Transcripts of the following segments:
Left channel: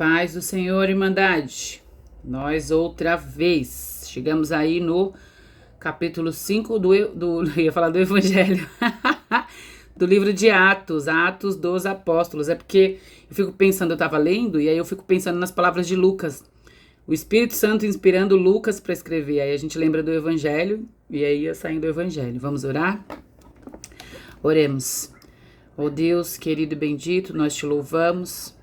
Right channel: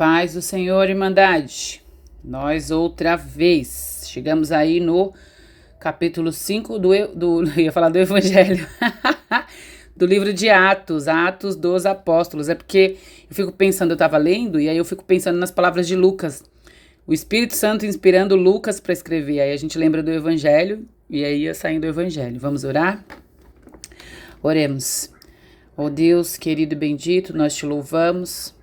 Paz do Senhor, Irmandade. Nós outra vez chegamos aí no capítulo 5 eu ia falar do Evangelho, do livro de Atos, Atos dos Apóstolos. É porque eu fico pensando, eu estava lendo, e aí eu fico pensando nas palavras de Lucas. O Espírito Santo inspirando Lucas para escrever. Aí a gente lembra do Evangelho, e aí ia saindo do Evangelho. Vamos orar? Oremos. Ó Deus, querido e bendito, nós te louvamos.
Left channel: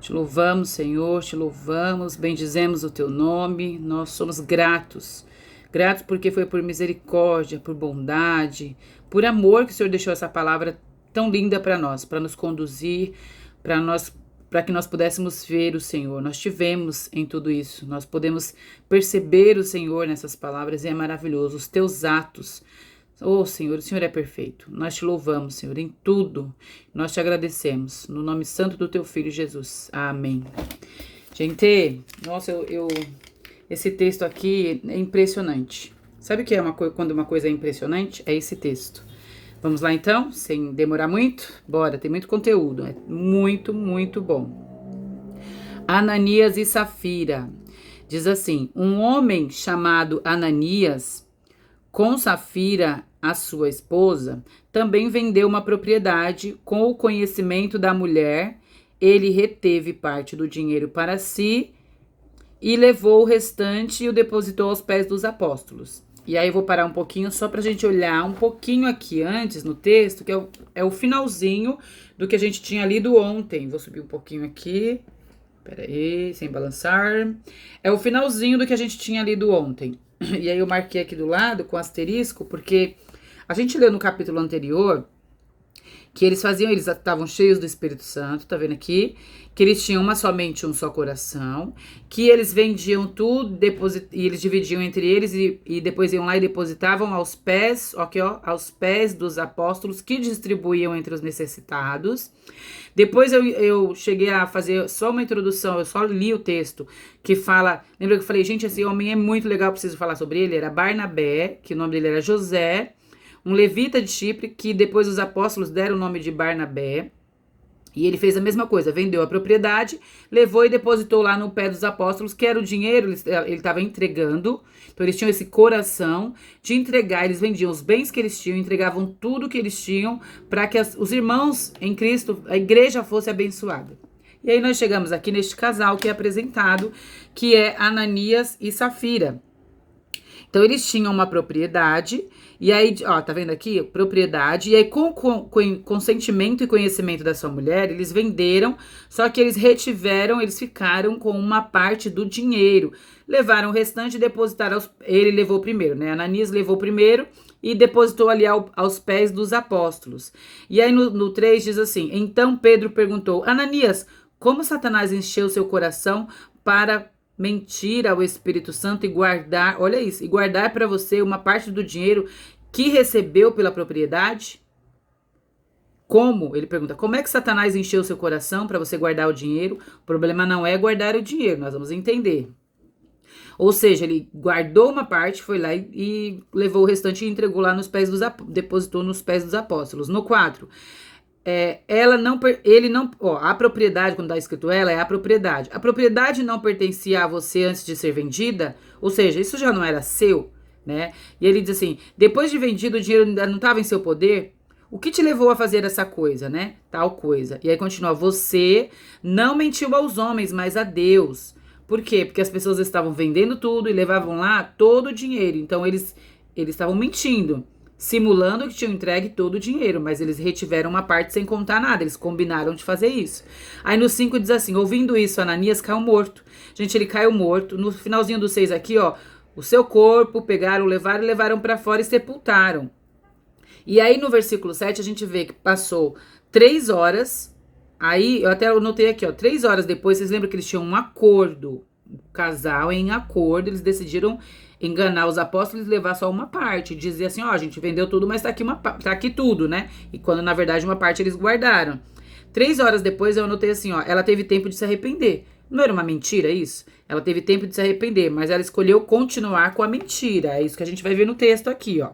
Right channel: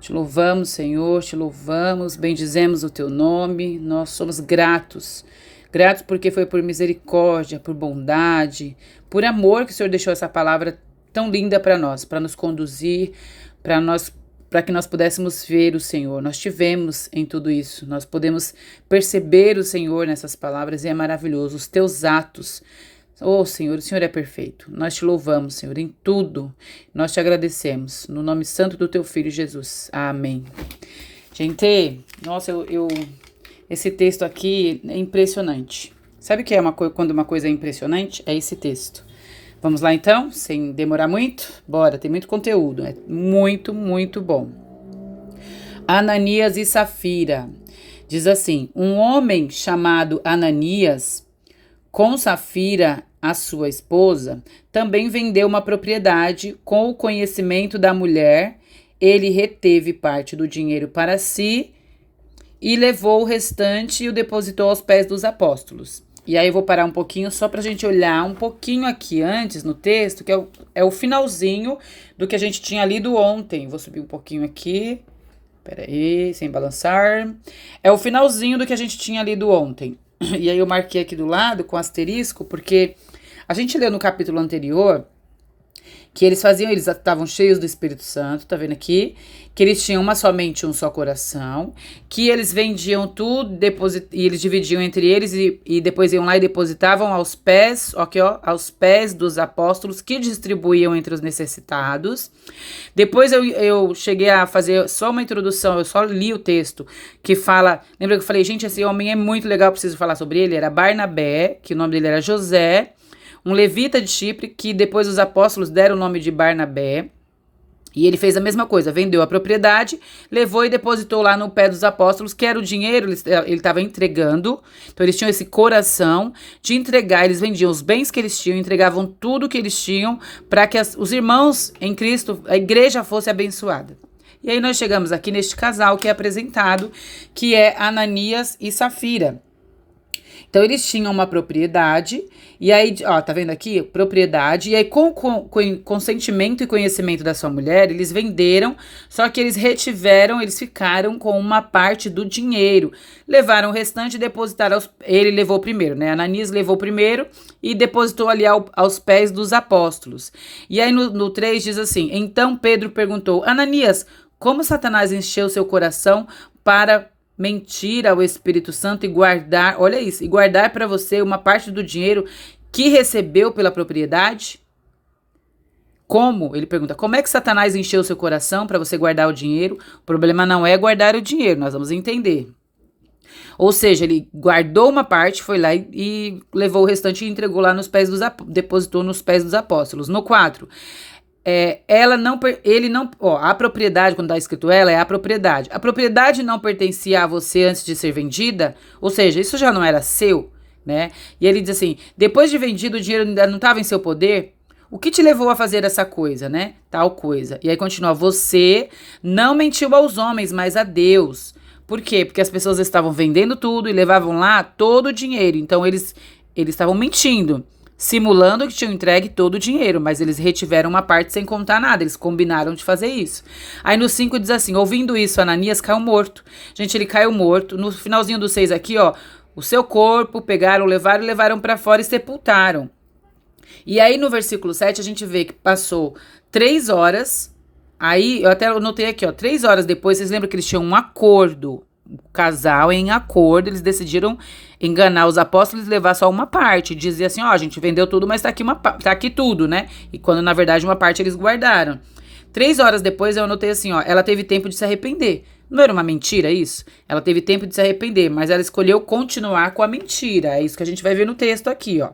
Te louvamos, Senhor, te louvamos, bendizemos o teu nome, nós somos gratos. Gratos porque foi por misericórdia, por bondade, por amor que o Senhor deixou essa palavra tão linda para nós, para nos conduzir, para que nós pudéssemos ver o Senhor. Nós tivemos em tudo isso, nós podemos perceber o Senhor nessas palavras e é maravilhoso, os teus atos. Oh, Senhor, o Senhor é perfeito. Nós te louvamos, Senhor, em tudo. Nós te agradecemos. No nome santo do teu Filho, Jesus. Amém. Gente, nossa, esse texto aqui é impressionante. Sabe o que é quando uma coisa é impressionante? É esse texto. Vamos lá, então? Sem demorar muito? Bora, tem muito conteúdo. É muito, muito bom. Ananias e Safira. Diz assim, um homem chamado Ananias, com Safira, a sua esposa, também vendeu uma propriedade. Com o conhecimento da mulher, ele reteve parte do dinheiro para si e levou o restante e o depositou aos pés dos apóstolos. E aí eu vou parar um pouquinho só para a gente olhar um pouquinho aqui antes no texto, que é o finalzinho do que a gente tinha lido ontem. Vou subir um pouquinho aqui. Peraí, sem balançar. É o finalzinho do que a gente tinha lido ontem. E aí eu marquei aqui do lado com asterisco, porque a gente leu no capítulo anterior que eles estavam cheios do Espírito Santo, tá vendo aqui? Que eles tinham somente um só coração, que eles vendiam tudo, e eles dividiam entre eles e depois iam lá e depositavam aos pés, aqui ó, aos pés dos apóstolos, que distribuíam entre os necessitados. Depois eu cheguei a fazer só uma introdução, eu só li o texto, que fala, lembra que eu falei, gente, esse homem é muito legal, preciso falar sobre ele, era Barnabé, que o nome dele era José, um levita de Chipre, que depois os apóstolos deram o nome de Barnabé. E ele fez a mesma coisa, vendeu a propriedade, levou e depositou lá no pé dos apóstolos, que era o dinheiro, ele estava entregando. Então eles tinham esse coração de entregar, eles vendiam os bens que eles tinham, entregavam tudo que eles tinham para que os irmãos em Cristo, a igreja fosse abençoada. E aí nós chegamos aqui neste casal que é apresentado, que é Ananias e Safira. Então eles tinham uma propriedade. E aí, ó, tá vendo aqui? Propriedade. E aí, com consentimento e conhecimento da sua mulher, eles venderam, só que eles ficaram com uma parte do dinheiro. Levaram o restante e depositaram, ele levou primeiro, né? Ananias levou primeiro e depositou ali aos pés dos apóstolos. E aí, no 3 diz assim, então Pedro perguntou, Ananias, como Satanás encheu seu coração para mentir ao Espírito Santo e guardar, olha isso, e guardar para você uma parte do dinheiro que recebeu pela propriedade? Como? Ele pergunta, como é que Satanás encheu seu coração para você guardar o dinheiro? O problema não é guardar o dinheiro, nós vamos entender. Ou seja, ele guardou uma parte, foi lá e levou o restante e entregou lá depositou nos pés dos apóstolos. No 4, a propriedade, quando está escrito ela, é a propriedade. A propriedade não pertencia a você antes de ser vendida, ou seja, isso já não era seu, né? E ele diz assim, depois de vendido, o dinheiro ainda não estava em seu poder? O que te levou a fazer essa coisa, né? Tal coisa. E aí continua, você não mentiu aos homens, mas a Deus. Por quê? Porque as pessoas estavam vendendo tudo e levavam lá todo o dinheiro. Então, eles estavam mentindo, simulando que tinham entregue todo o dinheiro, mas eles retiveram uma parte sem contar nada, eles combinaram de fazer isso. Aí no 5 diz assim, ouvindo isso, Ananias caiu morto. Gente, ele caiu morto. No finalzinho do 6 aqui, ó, o seu corpo pegaram, levaram para fora e sepultaram. E aí no versículo 7 a gente vê que passou 3 horas, aí eu até anotei aqui, ó, 3 horas depois, vocês lembram que eles tinham um acordo, o casal em acordo, eles decidiram enganar os apóstolos e levar só uma parte, dizer assim, ó, a gente vendeu tudo, mas tá aqui tudo, né? E quando na verdade uma parte eles guardaram. 3 horas depois eu anotei assim, ó, ela teve tempo de se arrepender. Não era uma mentira isso? Ela teve tempo de se arrepender, mas ela escolheu continuar com a mentira. É isso que a gente vai ver no texto aqui, ó.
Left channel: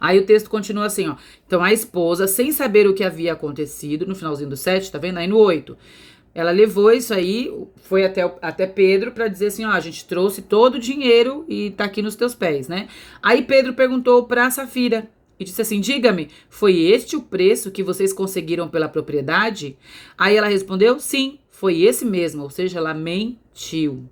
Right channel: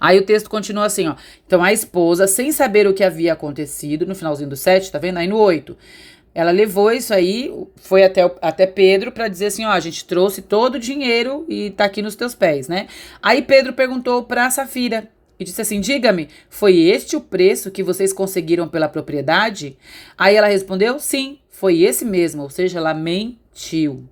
Aí o texto continua assim, ó. Então a esposa, sem saber o que havia acontecido, no finalzinho do 7, tá vendo? Aí no 8, ela levou isso aí, foi até Pedro para dizer assim, ó, a gente trouxe todo o dinheiro e tá aqui nos teus pés, né? Aí Pedro perguntou para Safira e disse assim, diga-me, foi este o preço que vocês conseguiram pela propriedade? Aí ela respondeu, sim, foi esse mesmo, ou seja, ela mentiu.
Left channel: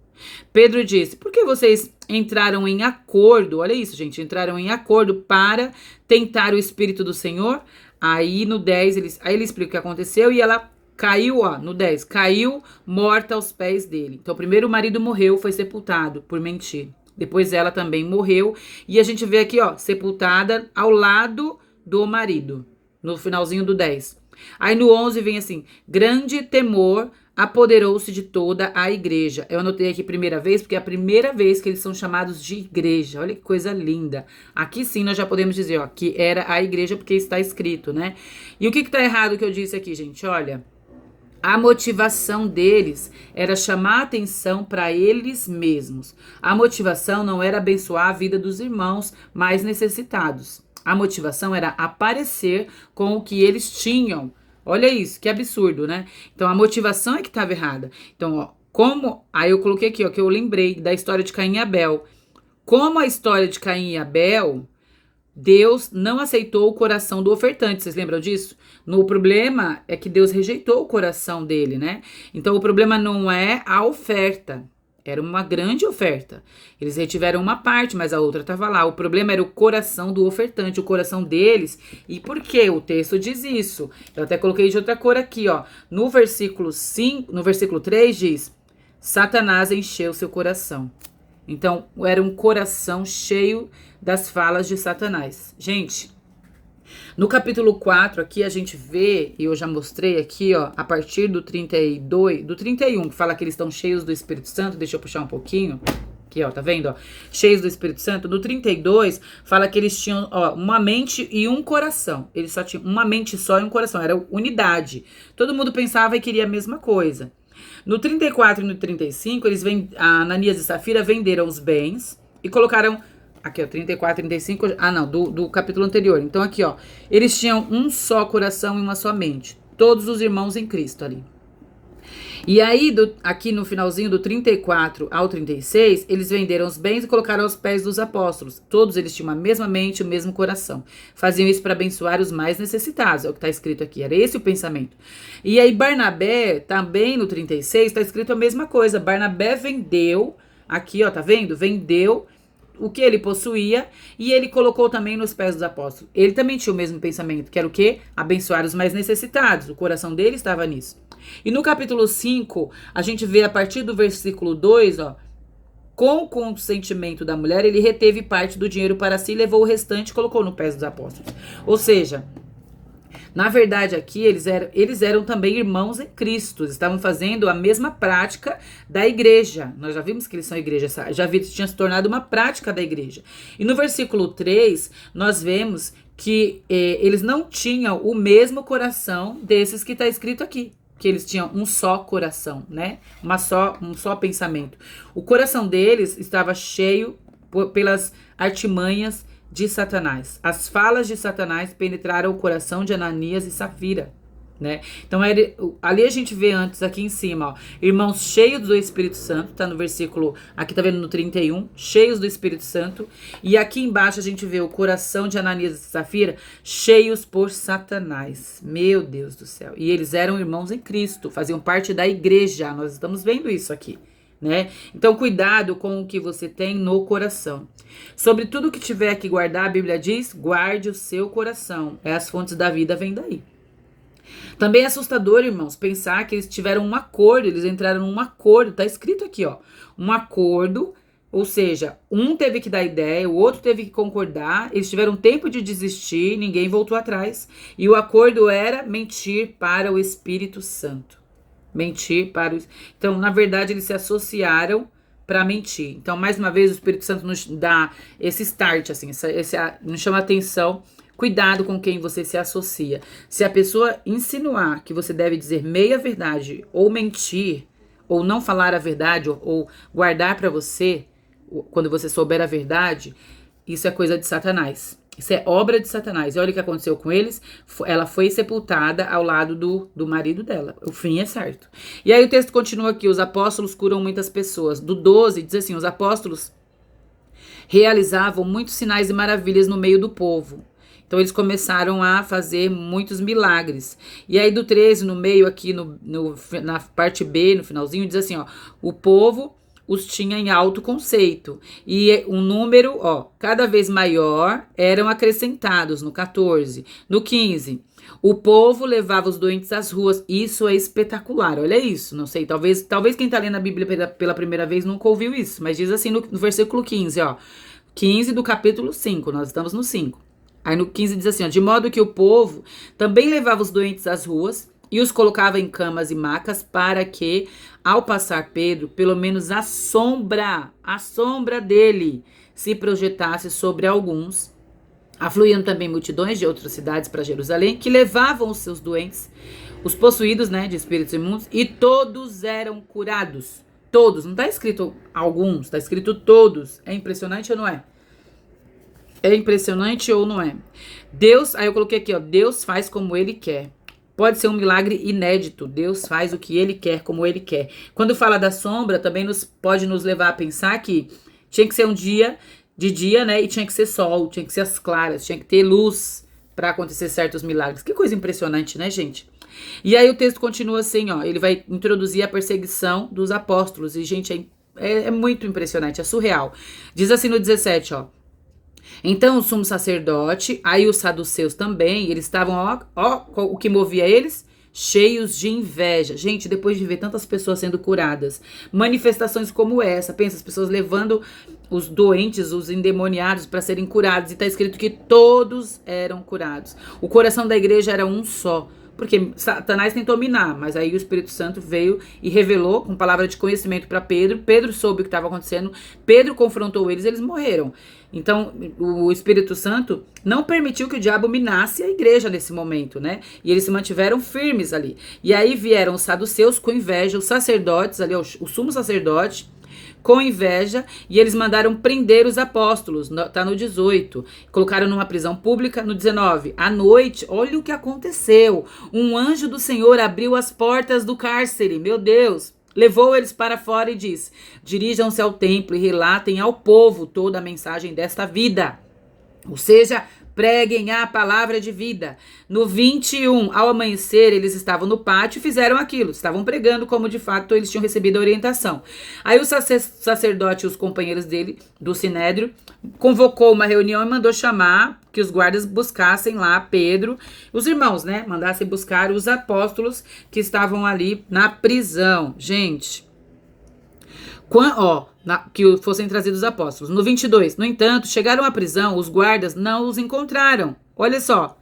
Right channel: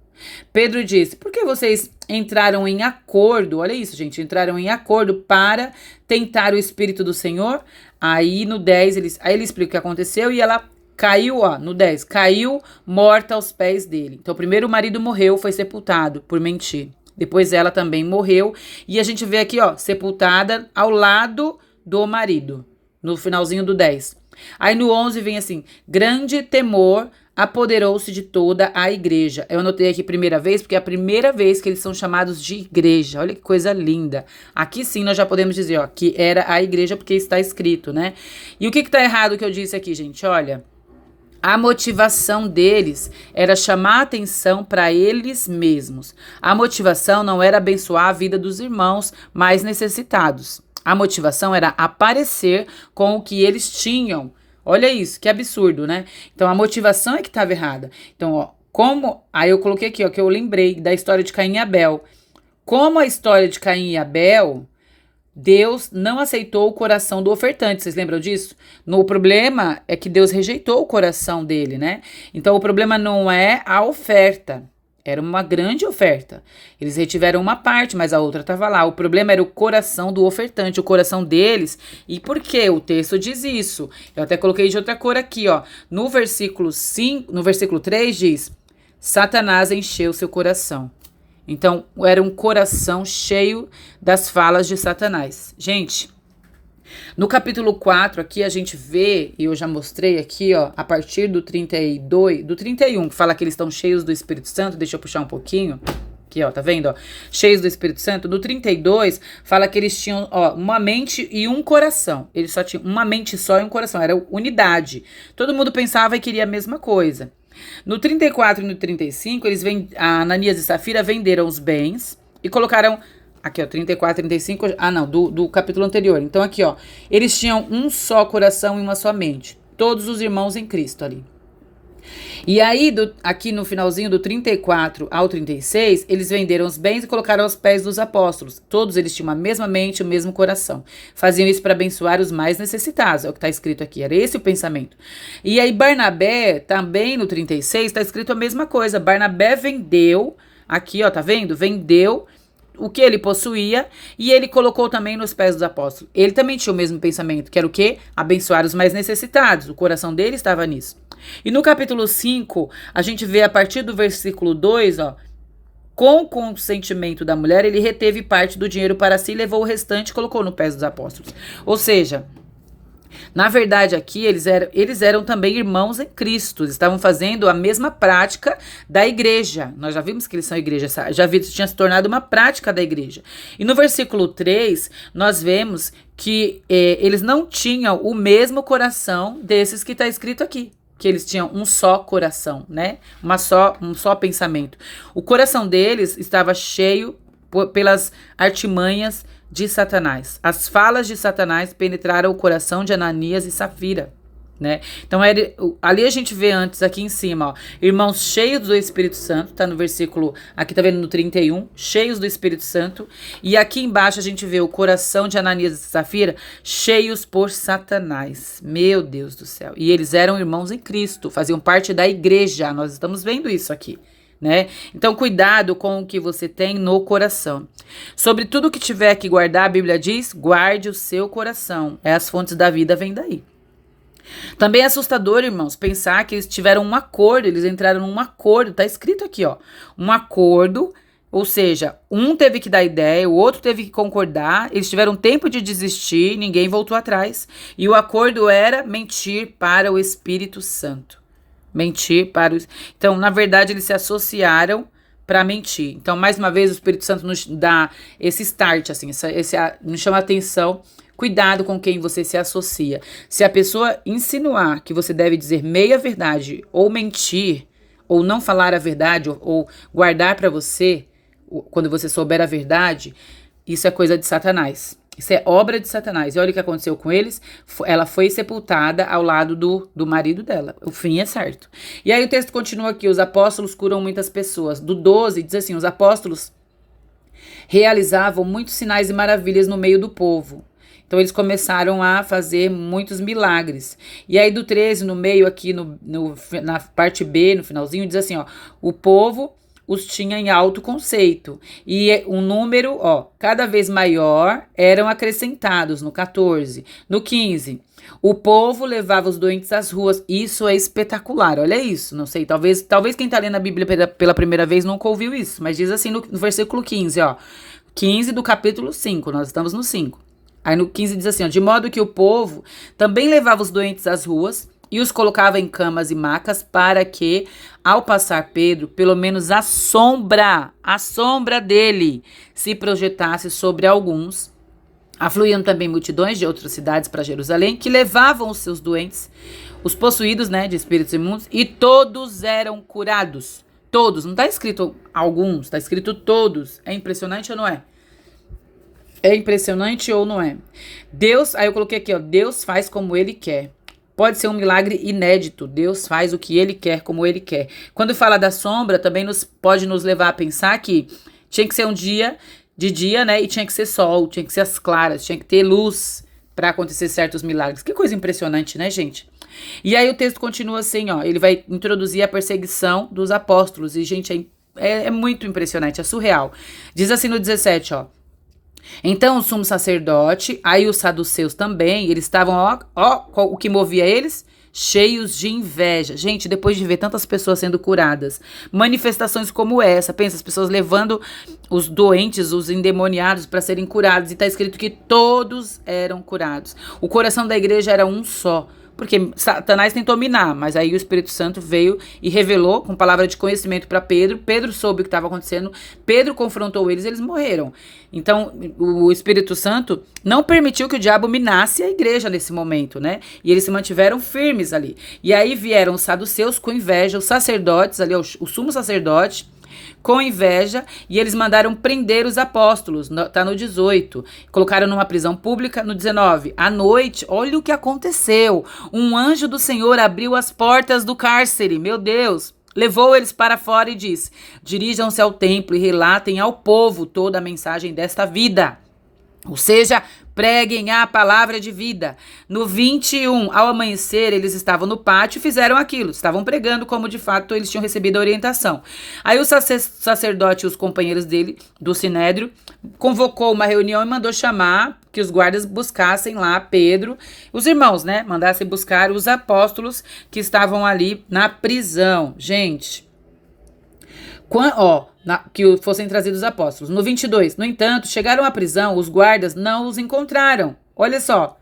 Pedro disse, por que vocês entraram em acordo, olha isso, gente, entraram em acordo para tentar o Espírito do Senhor? Aí no 10, aí ele explica o que aconteceu e ela caiu, ó, no 10, caiu morta aos pés dele. Então, primeiro o marido morreu, foi sepultado por mentir. Depois ela também morreu. E a gente vê aqui, ó, sepultada ao lado do marido, no finalzinho do 10. Aí no 11 vem assim, grande temor apoderou-se de toda a igreja. Eu anotei aqui primeira vez, porque é a primeira vez que eles são chamados de igreja. Olha que coisa linda. Aqui sim nós já podemos dizer, ó, que era a igreja, porque está escrito, né? E o que tá errado que eu disse aqui, gente? Olha, a motivação deles era chamar a atenção para eles mesmos. A motivação não era abençoar a vida dos irmãos mais necessitados. A motivação era aparecer com o que eles tinham. Olha isso, que absurdo, né? Então a motivação é que estava errada. Então, ó, aí eu coloquei aqui, ó, que eu lembrei da história de Caim e Abel. Como a história de Caim e Abel, Deus não aceitou o coração do ofertante, vocês lembram disso? O problema é que Deus rejeitou o coração dele, né? Então o problema não é a oferta, era uma grande oferta. Eles retiveram uma parte, mas a outra estava lá. O problema era o coração do ofertante, o coração deles. E por quê? O texto diz isso. Eu até coloquei de outra cor aqui, ó. No versículo 3 diz: Satanás encheu seu coração. Então, era um coração cheio das falas de Satanás. Gente, no capítulo 4 aqui a gente vê, e eu já mostrei aqui, ó, a partir do 31, que fala que eles estão cheios do Espírito Santo. Deixa eu puxar um pouquinho. Aqui, ó, tá vendo, ó? Cheios do Espírito Santo. No 32, fala que eles tinham, ó, uma mente e um coração. Eles só tinham uma mente só e um coração. Era unidade. Todo mundo pensava e queria a mesma coisa. No 34 e no 35, a Ananias e Safira venderam os bens e colocaram, aqui ó, 34, 35, do capítulo anterior. Então aqui ó, eles tinham um só coração e uma só mente, todos os irmãos em Cristo ali. E aí, aqui no finalzinho do 34 ao 36, eles venderam os bens e colocaram aos pés dos apóstolos. Todos eles tinham a mesma mente, o mesmo coração. Faziam isso para abençoar os mais necessitados, é o que está escrito aqui. Era esse o pensamento. E aí, Barnabé, também no 36, está escrito a mesma coisa. Barnabé vendeu, aqui ó, tá vendo? Vendeu o que ele possuía e ele colocou também nos pés dos apóstolos. Ele também tinha o mesmo pensamento, que era o quê? Abençoar os mais necessitados. O coração dele estava nisso. E no capítulo 5, a gente vê a partir do versículo 2, ó, com o consentimento da mulher, ele reteve parte do dinheiro para si, levou o restante e colocou no pés dos apóstolos. Ou seja, na verdade aqui eles eram também irmãos em Cristo, estavam fazendo a mesma prática da igreja. Nós já vimos que eles são igreja, já vimos que tinha se tornado uma prática da igreja. E no versículo 3, nós vemos que eles não tinham o mesmo coração desses que está escrito aqui. Que eles tinham um só coração, né? Um só pensamento. O coração deles estava cheio pelas artimanhas de Satanás. As falas de Satanás penetraram o coração de Ananias e Safira, né? Então, ali a gente vê antes, aqui em cima, ó, irmãos cheios do Espírito Santo, tá no versículo, aqui tá vendo no 31, cheios do Espírito Santo, e aqui embaixo a gente vê o coração de Ananias e Safira cheios por Satanás. Meu Deus do céu. E eles eram irmãos em Cristo, faziam parte da igreja, nós estamos vendo isso aqui, né? Então, cuidado com o que você tem no coração. Sobre tudo que tiver que guardar, a Bíblia diz, guarde o seu coração. As fontes da vida vêm daí. Também é assustador, irmãos, pensar que eles tiveram um acordo, eles entraram num acordo, tá escrito aqui, ó, um acordo, ou seja, um teve que dar ideia, o outro teve que concordar, eles tiveram tempo de desistir, ninguém voltou atrás, e o acordo era mentir para o Espírito Santo. Então, na verdade, eles se associaram para mentir. Então, mais uma vez, o Espírito Santo nos dá esse start, assim, nos chama a atenção. Cuidado com quem você se associa. Se a pessoa insinuar que você deve dizer meia verdade, ou mentir, ou não falar a verdade, ou guardar para você, quando você souber a verdade, isso é coisa de Satanás. Isso é obra de Satanás. E olha o que aconteceu com eles. Ela foi sepultada ao lado do marido dela. O fim é certo. E aí o texto continua aqui. Os apóstolos curam muitas pessoas. Do 12 diz assim, os apóstolos realizavam muitos sinais e maravilhas no meio do povo. Então eles começaram a fazer muitos milagres. E aí do 13 no meio aqui, na parte B, no finalzinho, diz assim, ó. O povo os tinha em alto conceito. E um número, ó, cada vez maior eram acrescentados no 14. No 15, o povo levava os doentes às ruas. Isso é espetacular, olha isso. Não sei, talvez quem tá lendo a Bíblia pela primeira vez nunca ouviu isso. Mas diz assim no versículo 15, ó. 15 do capítulo 5, nós estamos no 5. Aí no 15 diz assim, ó, de modo que o povo também levava os doentes às ruas e os colocava em camas e macas para que, ao passar Pedro, pelo menos a sombra dele se projetasse sobre alguns. Afluíam também multidões de outras cidades para Jerusalém, que levavam os seus doentes, os possuídos, né, de espíritos imundos, e todos eram curados. Todos, não está escrito alguns, está escrito todos. É impressionante ou não é? É impressionante ou não é? Deus, aí eu coloquei aqui, ó, Deus faz como Ele quer. Pode ser um milagre inédito. Deus faz o que Ele quer, como Ele quer. Quando fala da sombra, também pode nos levar a pensar que tinha que ser um dia de dia, né? E tinha que ser sol, tinha que ser as claras, tinha que ter luz para acontecer certos milagres. Que coisa impressionante, né, gente? E aí o texto continua assim, ó. Ele vai introduzir a perseguição dos apóstolos. E, gente, é muito impressionante, é surreal. Diz assim no 17, ó. Então o sumo sacerdote, aí os saduceus também, eles estavam, ó, o que movia eles? Cheios de inveja. Gente, depois de ver tantas pessoas sendo curadas, manifestações como essa, pensa, as pessoas levando os doentes, os endemoniados para serem curados, e está escrito que todos eram curados. O coração da igreja era um só. Porque Satanás tentou minar, mas aí o Espírito Santo veio e revelou com palavra de conhecimento para Pedro. Pedro soube o que estava acontecendo. Pedro confrontou eles morreram. Então, o Espírito Santo não permitiu que o diabo minasse a igreja nesse momento, né? E eles se mantiveram firmes ali. E aí vieram os saduceus com inveja, os sacerdotes ali, o sumo sacerdote, com inveja, e eles mandaram prender os apóstolos, tá no 18, colocaram numa prisão pública. No 19, à noite, olha o que aconteceu, um anjo do Senhor abriu as portas do cárcere, meu Deus, levou eles para fora e disse, dirijam-se ao templo e relatem ao povo toda a mensagem desta vida, ou seja, preguem a palavra de vida. No 21, ao amanhecer, eles estavam no pátio e fizeram aquilo. Estavam pregando como, de fato, eles tinham recebido a orientação. Aí o sacerdote e os companheiros dele, do Sinédrio, convocou uma reunião e mandou chamar que os guardas buscassem lá Pedro, os irmãos, né? Mandassem buscar os apóstolos que estavam ali na prisão. Gente, que fossem trazidos os apóstolos. No 22, no entanto, chegaram à prisão, os guardas não os encontraram. Olha só.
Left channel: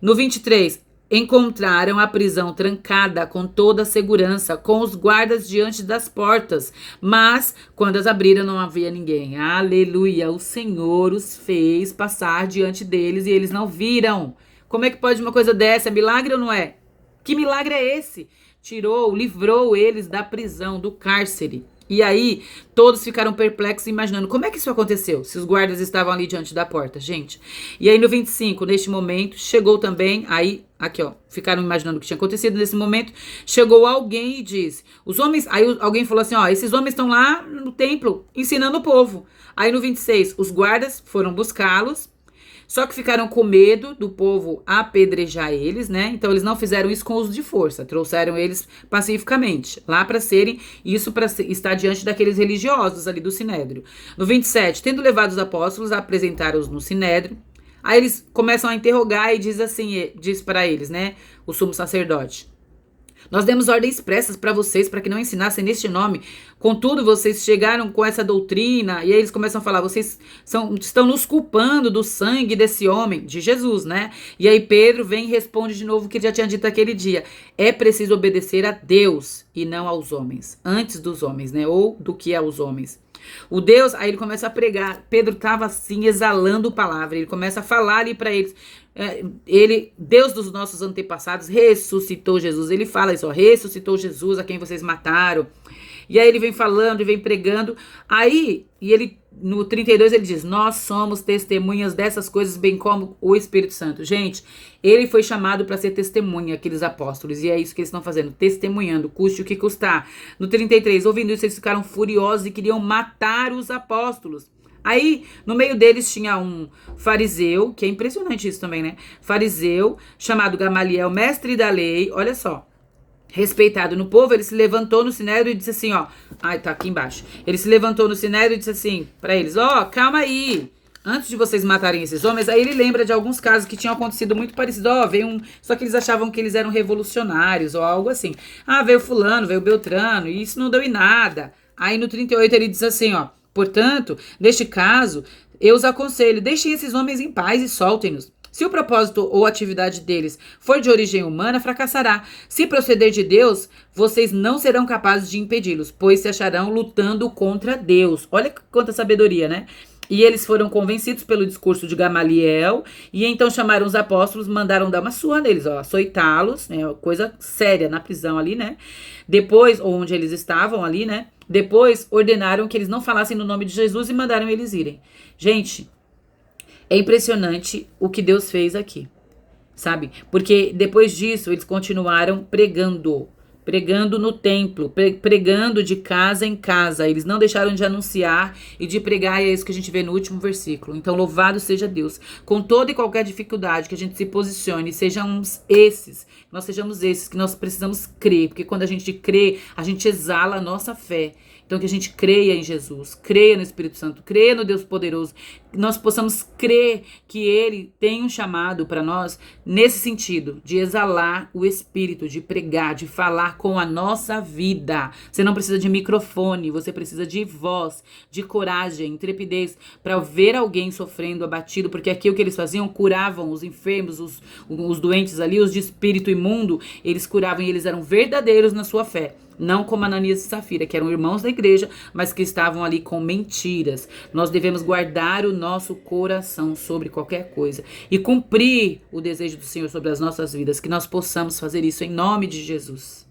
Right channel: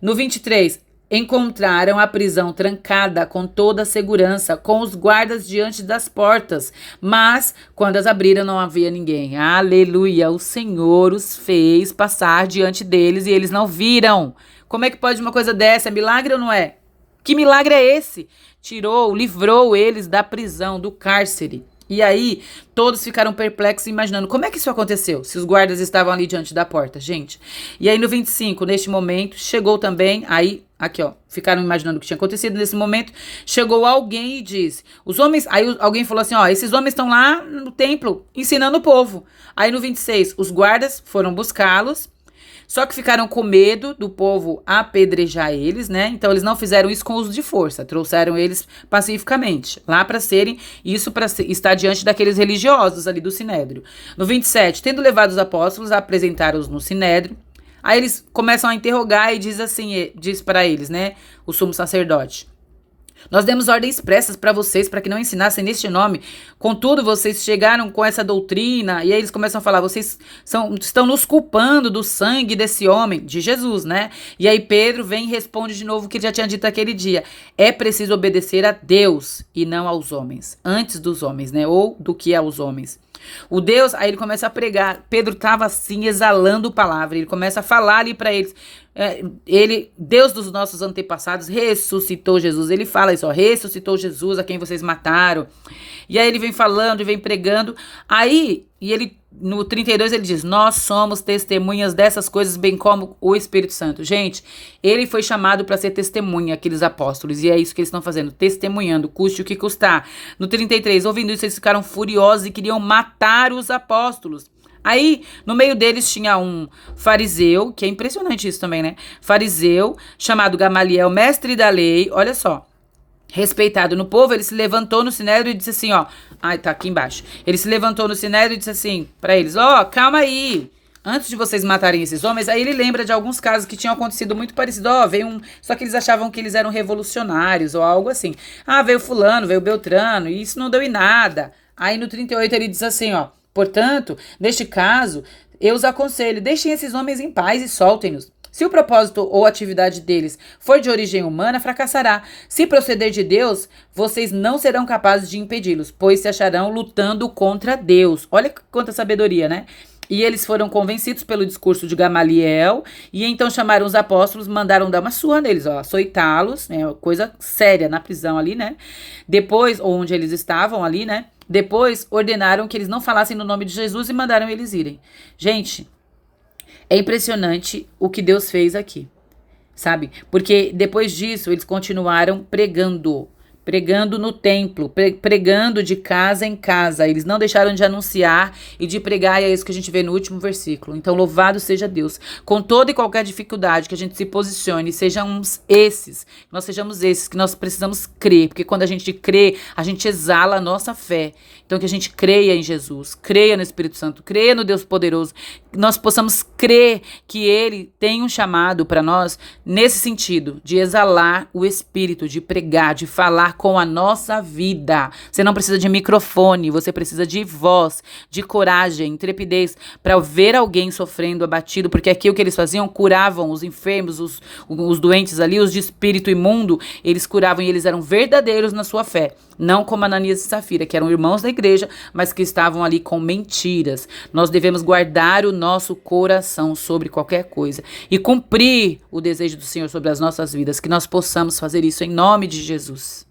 No 23, encontraram a prisão trancada com toda a segurança, com os guardas diante das portas. Mas, quando as abriram, não havia ninguém. Aleluia! O Senhor os fez passar diante deles e eles não viram. Como é que pode uma coisa dessa? É milagre ou não é? Que milagre é esse? Livrou eles da prisão, do cárcere. E aí, todos ficaram perplexos, imaginando como é que isso aconteceu, se os guardas estavam ali diante da porta, gente. E aí, no 25, neste momento, chegou também, aí, aqui ó, ficaram imaginando o que tinha acontecido nesse momento, chegou alguém e disse, os homens, aí alguém falou assim, ó, esses homens estão lá no templo, ensinando o povo. Aí no 26, os guardas foram buscá-los, só que ficaram com medo do povo apedrejar eles, né? Então eles não fizeram isso com uso de força, trouxeram eles pacificamente, lá para serem, isso para estar diante daqueles religiosos ali do Sinédrio. No 27, tendo levado os apóstolos, apresentaram-os no Sinédrio, aí eles começam a interrogar e diz para eles, né? O sumo sacerdote. Nós demos ordens expressas para vocês, para que não ensinassem neste nome. Contudo, vocês chegaram com essa doutrina, e aí eles começam a falar, vocês estão nos culpando do sangue desse homem, de Jesus, né? E aí Pedro vem e responde de novo o que já tinha dito aquele dia. É preciso obedecer a Deus e não aos homens, antes dos homens, né? Ou do que aos homens. O Deus, aí ele começa a pregar. Pedro estava assim, exalando palavra. Ele começa a falar ali para eles. Deus dos nossos antepassados, ressuscitou Jesus. Ele fala isso, ó, ressuscitou Jesus a quem vocês mataram. E aí ele vem falando e vem pregando. Aí, e ele, no 32, ele diz: nós somos testemunhas dessas coisas, bem como o Espírito Santo. Gente, ele foi chamado para ser testemunha, aqueles apóstolos. E é isso que eles estão fazendo, testemunhando, custe o que custar. No 33, ouvindo isso, eles ficaram furiosos e queriam matar os apóstolos. Aí, no meio deles tinha um fariseu, que é impressionante isso também, né? Fariseu, chamado Gamaliel, mestre da lei, olha só. Respeitado no povo, ele se levantou no sinédrio e disse assim, ó. Ai, tá aqui embaixo. Ele se levantou no sinédrio e disse assim pra eles, ó, calma aí. Antes de vocês matarem esses homens, aí ele lembra de alguns casos que tinham acontecido muito parecido. Ó, veio um. Só que eles achavam que eles eram revolucionários ou algo assim. Ah, veio fulano, veio Beltrano, e isso não deu em nada. Aí no 38 ele diz assim, ó. Portanto, neste caso, eu os aconselho, deixem esses homens em paz e soltem-nos. Se o propósito ou atividade deles for de origem humana, fracassará. Se proceder de Deus, vocês não serão capazes de impedi-los, pois se acharão lutando contra Deus. Olha quanta sabedoria, né? E eles foram convencidos pelo discurso de Gamaliel, e então chamaram os apóstolos, mandaram dar uma surra neles, ó, açoitá-los, né, coisa séria na prisão ali, né? Depois, onde eles estavam ali, né? Depois ordenaram que eles não falassem no nome de Jesus e mandaram eles irem. Gente, é impressionante o que Deus fez aqui, sabe? Porque depois disso eles continuaram pregando no templo, pregando de casa em casa. Eles não deixaram de anunciar e de pregar, e é isso que a gente vê no último versículo. Então, louvado seja Deus. Com toda e qualquer dificuldade que a gente se posicione, sejamos esses, nós sejamos esses que nós precisamos crer, porque quando a gente crê, a gente exala a nossa fé. Então, que a gente creia em Jesus, creia no Espírito Santo, creia no Deus poderoso, que nós possamos crer que Ele tem um chamado para nós nesse sentido, de exalar o Espírito, de pregar, de falar com a nossa vida. Você não precisa de microfone, você precisa de voz, de coragem, intrepidez, para ver alguém sofrendo, abatido, porque aqui o que eles faziam, curavam os enfermos, os doentes ali, os de espírito imundo, eles curavam e eles eram verdadeiros na sua fé. Não como Ananias e Safira, que eram irmãos da igreja, mas que estavam ali com mentiras. Nós devemos guardar o nosso coração sobre qualquer coisa e cumprir o desejo do Senhor sobre as nossas vidas, que nós possamos fazer isso em nome de Jesus.